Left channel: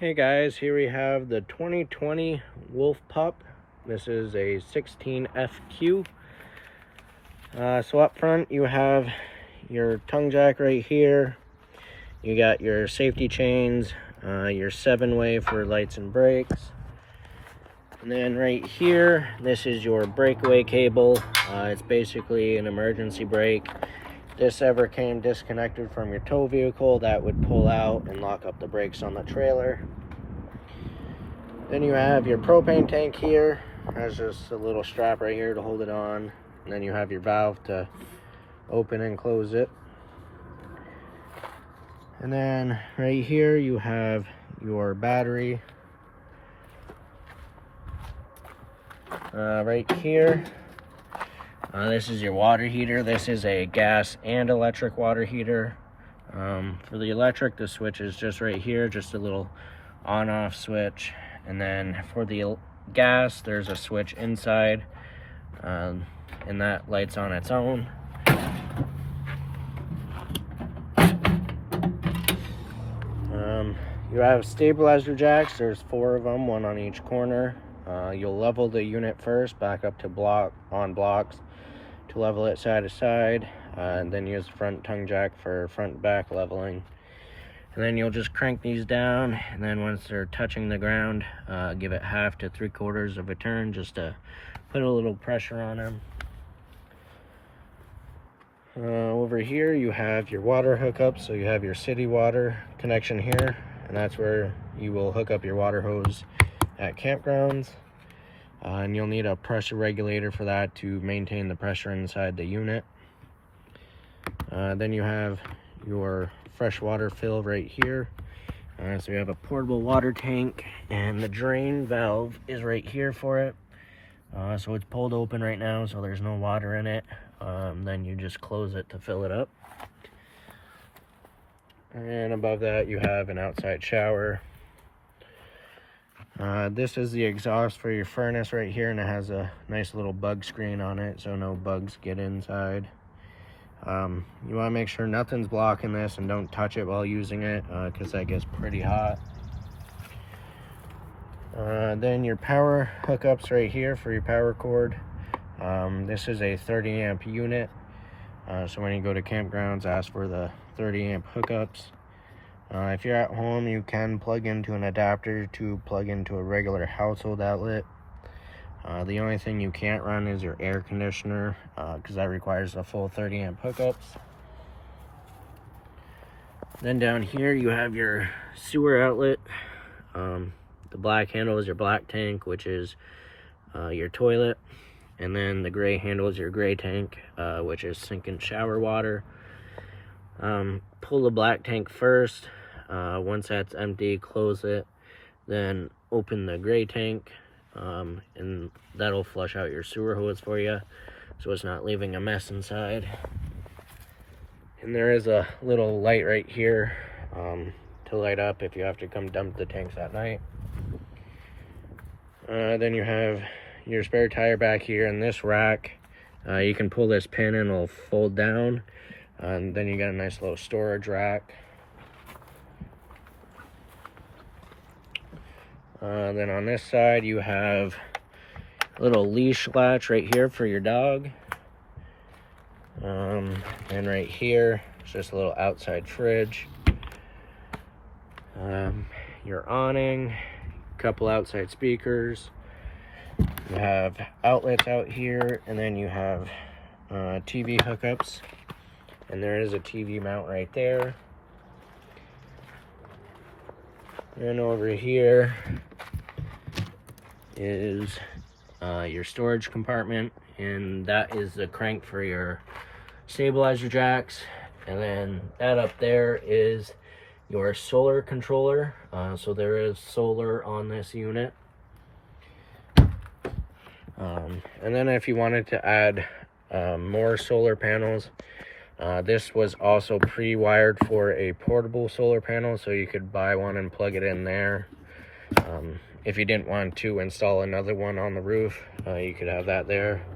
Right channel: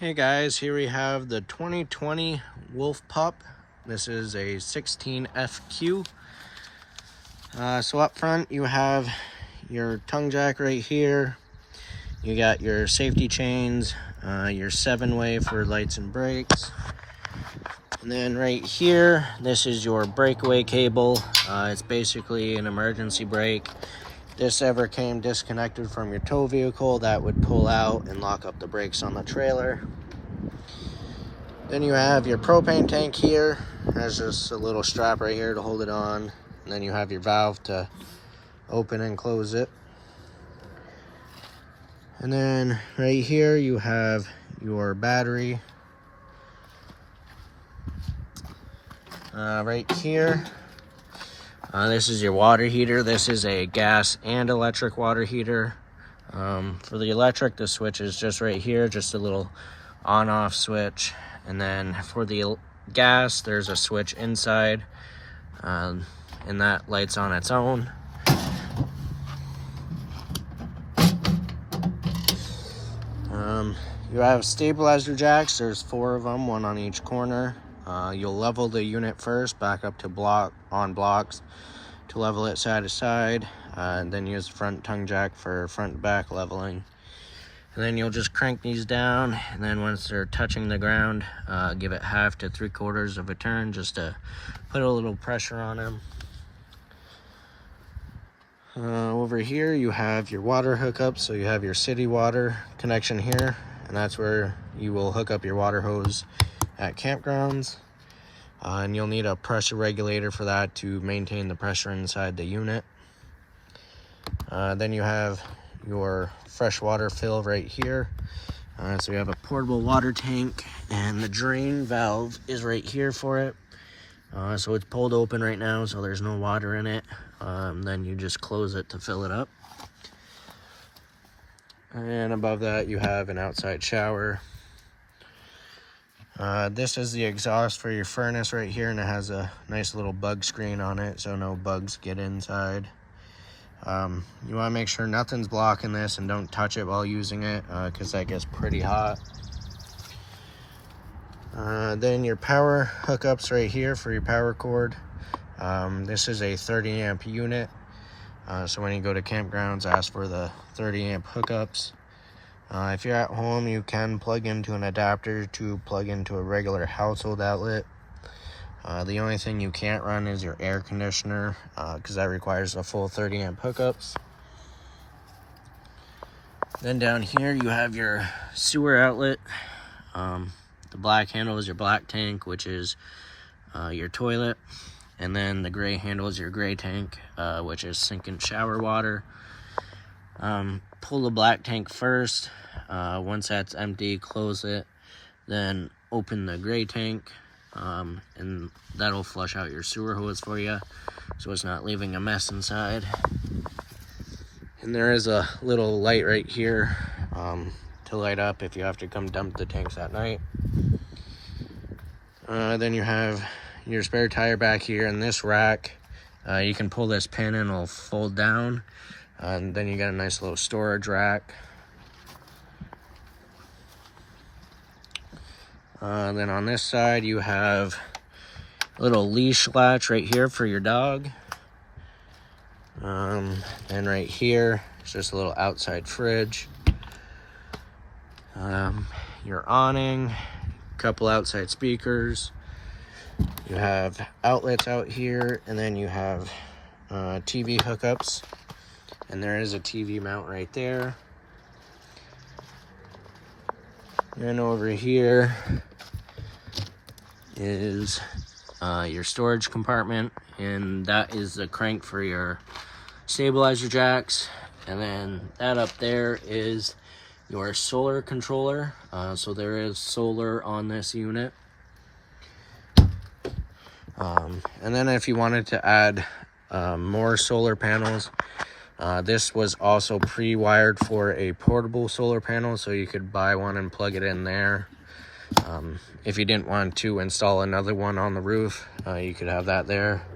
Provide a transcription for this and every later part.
Hey guys, here we have the 2020 Wolf Pup. This is a 16FQ. So up front you have your tongue jack right here. You got your safety chains, your 7-way for lights and brakes. And then right here, this is your breakaway cable. It's basically an emergency brake. This ever came disconnected from your tow vehicle, that would pull out and lock up the brakes on the trailer. Then you have your propane tank here. There's just a little strap right here to hold it on. And then you have your valve to open and close it. And then right here you have your battery. Right here, this is your water heater. This is a gas and electric water heater. For the electric, the switch is just right here, just a little on-off switch. And then for the gas, there's a switch inside, and that lights on its own. You have stabilizer jacks. There's 4 of them, 1 on each corner. You'll level the unit first, back up to blocks to level it side to side, and then use the front tongue jack for front to back leveling. And then you'll just crank these down, and then once they're touching the ground, give it 1/2 to 3/4 of a turn just to put a little pressure on them. Over here you have your water hookup. So you have your city water connection here, and that's where you will hook up your water hose at campgrounds. And you'll need a pressure regulator for that to maintain the pressure inside the unit. Then you have your freshwater fill right here. So you have a portable water tank, and the drain valve is right here for it. So it's pulled open right now, so there's no water in it. Then you just close it to fill it up. And above that you have an outside shower. This is the exhaust for your furnace right here, and it has a nice little bug screen on it so no bugs get inside. You want to make sure nothing's blocking this, and don't touch it while using it, because that gets pretty hot. Then your power hookups right here for your power cord. This is a 30 amp unit, so when you go to campgrounds, ask for the 30 amp hookups. If you're at home, you can plug into an adapter to plug into a regular household outlet. The only thing you can't run is your air conditioner, because that requires a full 30 amp hookups. Then down here you have your sewer outlet. The black handle is your black tank, which is your toilet. And then the gray handle is your gray tank, which is sink and shower water. Pull the black tank first. Once that's empty, close it. Then open the gray tank, and that'll flush out your sewer hose for you, so it's not leaving a mess inside. And there is a little light right here to light up if you have to come dump the tanks at night. Then you have your spare tire back here in this rack. You can pull this pin and it'll fold down. And then you got a nice little storage rack. Then on this side you have a little leash latch right here for your dog. And right here is just a little outside fridge. Your awning, a couple outside speakers. You have outlets out here, and then you have TV hookups. And there is a TV mount right there. And over here is your storage compartment, and that is the crank for your stabilizer jacks. And then that up there is your solar controller. So there is solar on this unit. And then if you wanted to add more solar panels, this was also pre-wired for a portable solar panel, so you could buy one and plug it in there. If you didn't want to install another one on the roof, you could have that there.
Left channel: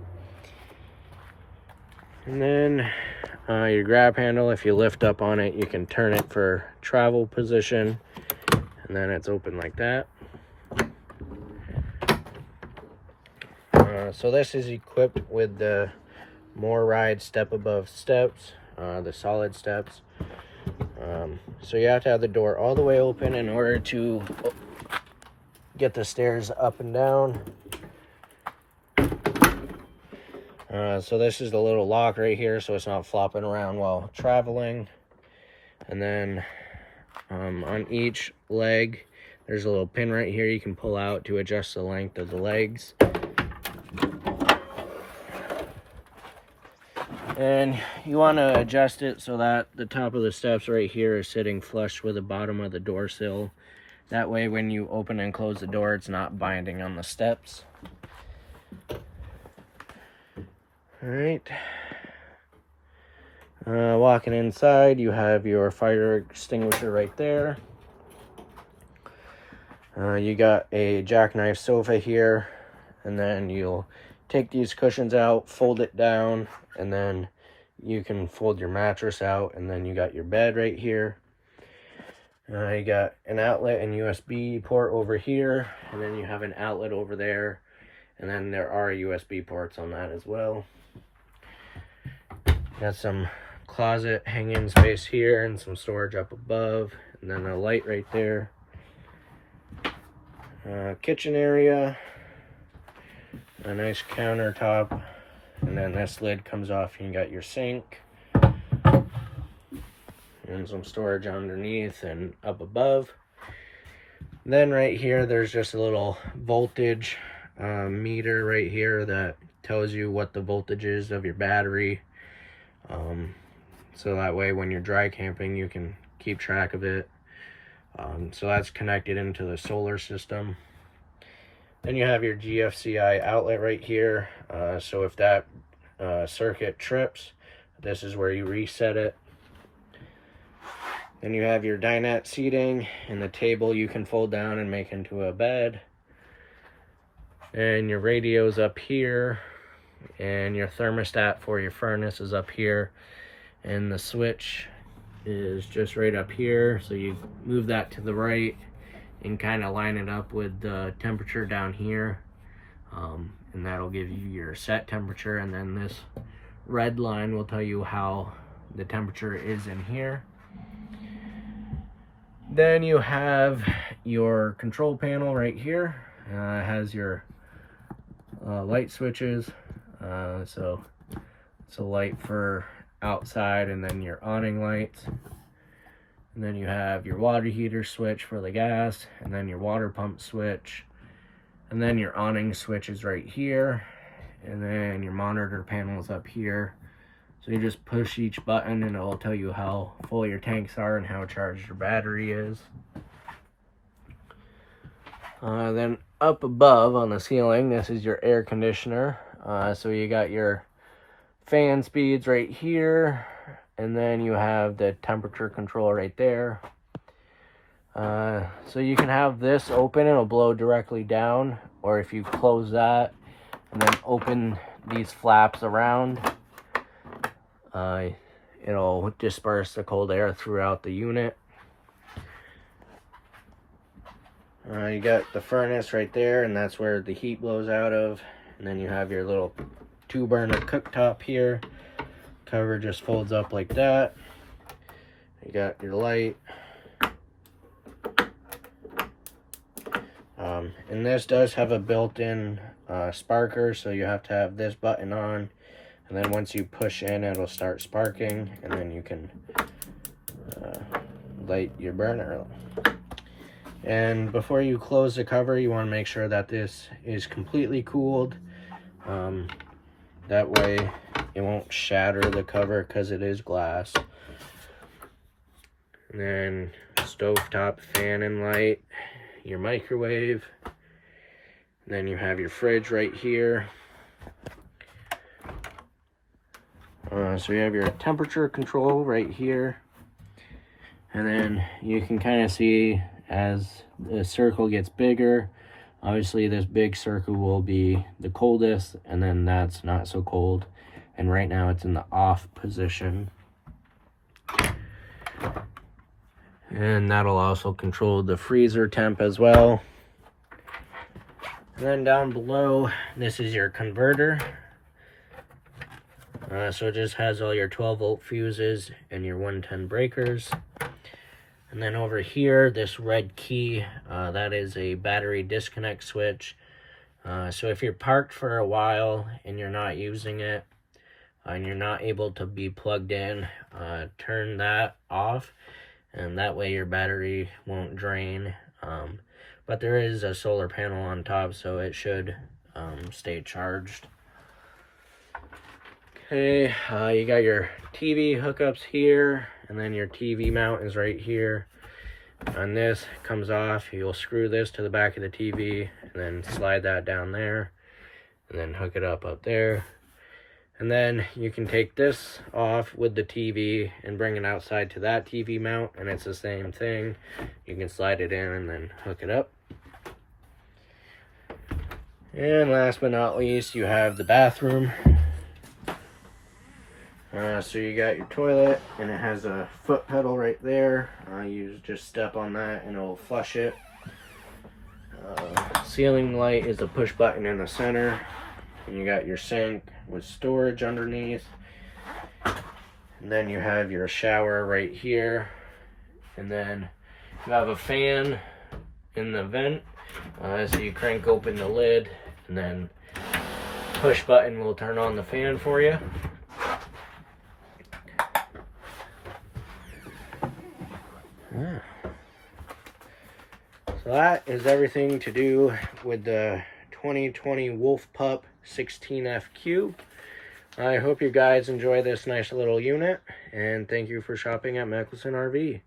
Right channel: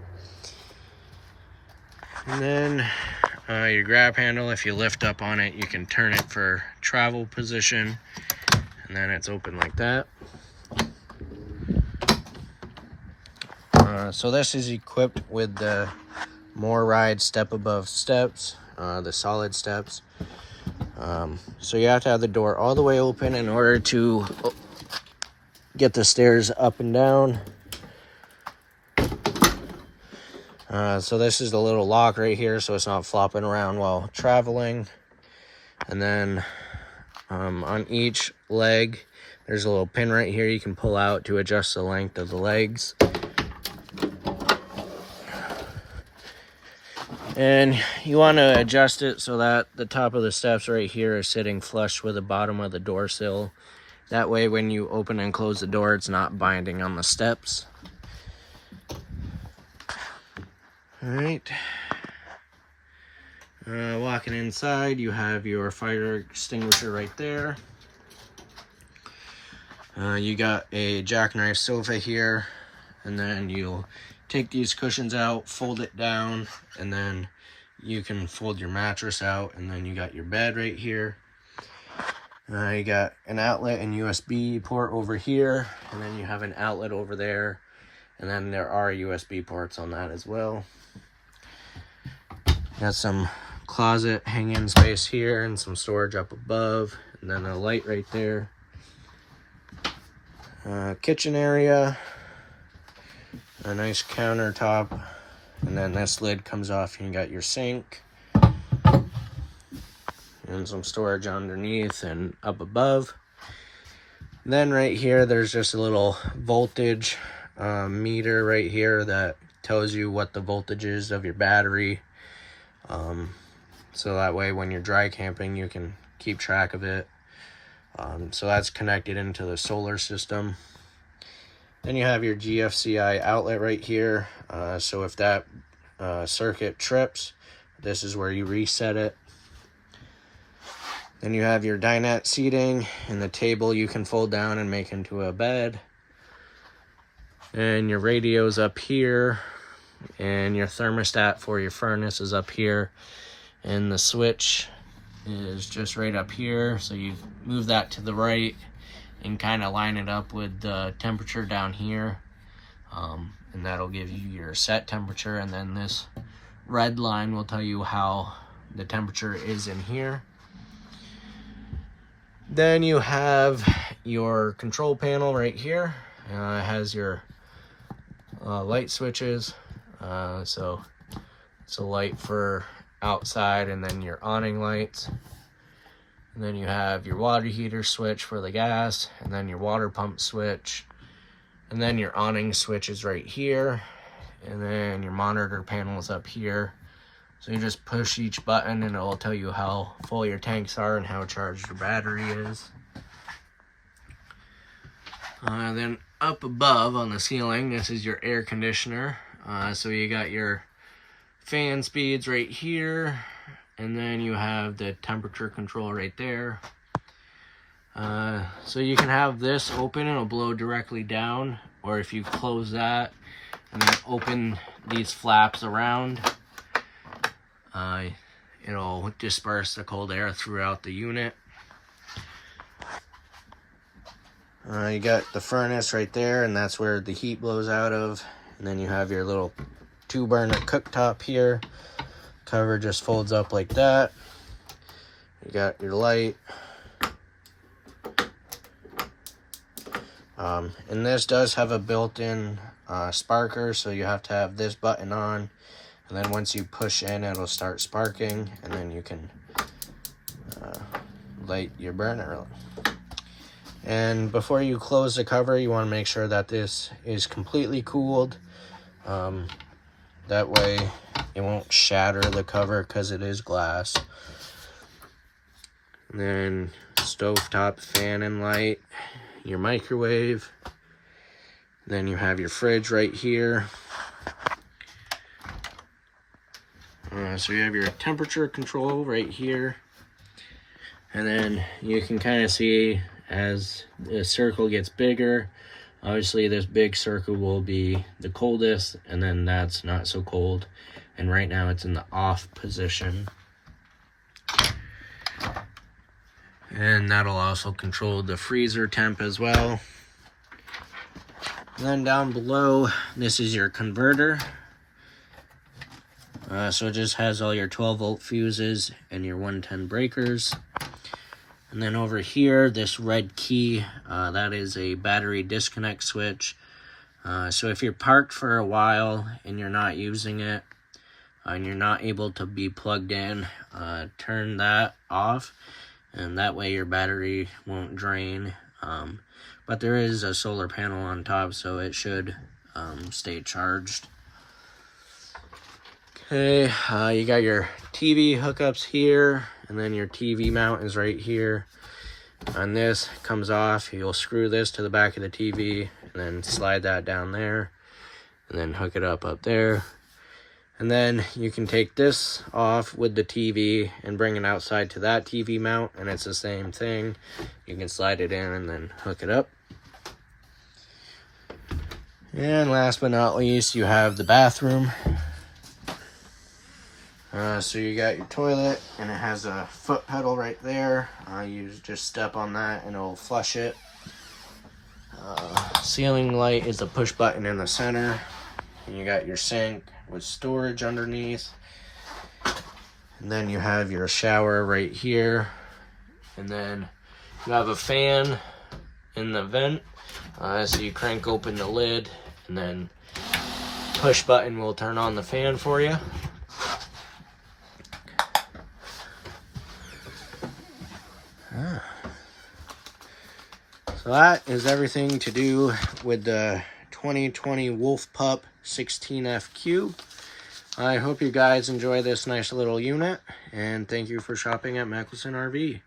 And then your grab handle, if you lift up on it, you can turn it for travel position. And and then it's open like that. So this is equipped with the More Ride step above steps, the solid steps. So you have to have the door all the way open in order to get the stairs up and down. So this is the little lock right here, so it's not flopping around while traveling. And then on each leg, there's a little pin right here you can pull out to adjust the length of the legs. And you want to adjust it so that the top of the steps right here is sitting flush with the bottom of the door sill. That way when you open and close the door, it's not binding on the steps. All right. Walking inside, you have your fire extinguisher right there. You got a jackknife sofa here, and then you'll take these cushions out, fold it down, and then you can fold your mattress out, and then you got your bed right here. You got an outlet and USB port over here, and then you have an outlet over there, and then there are USB ports on that as well. Got some closet hanging space here and some storage up above, and then a light right there. Kitchen area, a nice countertop, and then this lid comes off and you got your sink and some storage underneath and up above. Then right here there's just a little voltage meter right here that tells you what the voltage is of your battery, so that way when you're dry camping you can keep track of it. So that's connected into the solar system. Then you have your GFCI outlet right here. So if that circuit trips, this is where you reset it. Then you have your dinette seating, and the table you can fold down and make into a bed. And your radio's up here, and your thermostat for your furnace is up here. And the switch is just right up here, so you move that to the right and kind of line it up with the temperature down here, and that'll give you your set temperature. And then this red line will tell you how the temperature is in here. Then you have your control panel right here. It has your light switches, so it's a light for outside, and then your awning lights. And then you have your water heater switch for the gas, and then your water pump switch, and then your awning switch is right here, and then your monitor panel is up here. So you just push each button and it will tell you how full your tanks are and how charged your battery is. Then up above on the ceiling, this is your air conditioner. So you got your fan speeds right here, and then you have the temperature control right there. So you can have this open, it'll blow directly down, or if you close that and then open these flaps around, it'll disperse the cold air throughout the unit. You got the furnace right there, and that's where the heat blows out of. And then you have your little 2-burner cooktop here. Cover just folds up like that. You got your light. And this does have a built-in sparker, so you have to have this button on, and then once you push in, it'll start sparking, and then you can light your burner. And before you close the cover, you want to make sure that this is completely cooled. That way it won't shatter the cover because it is glass. And then stovetop fan and light, your microwave. Then you have your fridge right here. So you have your temperature control right here. And then you can kind of see as the circle gets bigger, obviously this big circle will be the coldest, and then that's not so cold. And right now it's in the off position. And that'll also control the freezer temp as well. And then down below, this is your converter. So it just has all your 12-volt fuses and your 110 breakers. And then over here, this red key, that is a battery disconnect switch. So if you're parked for a while and you're not using it, and you're not able to be plugged in, turn that off, and that way your battery won't drain. But there is a solar panel on top, so it should stay charged. Okay, you got your TV hookups here, and then your TV mount is right here. And this comes off, you'll screw this to the back of the TV, and then slide that down there, and then hook it up there. And then you can take this off with the TV and bring it outside to that TV mount, and it's the same thing. You can slide it in and then hook it up. And last but not least, you have the bathroom. So you got your toilet, and it has a foot pedal right there. You just step on that and it'll flush it. Ceiling light is a push button in the center. And you got your sink with storage underneath. And then you have your shower right here. And then you have a fan in the vent. So you crank open the lid, and then push button will turn on the fan for you. So that is everything to do with the 2020 Wolf Pup 16FQ. I hope you guys enjoy this nice little unit, and thank you for shopping at Mickelson RV.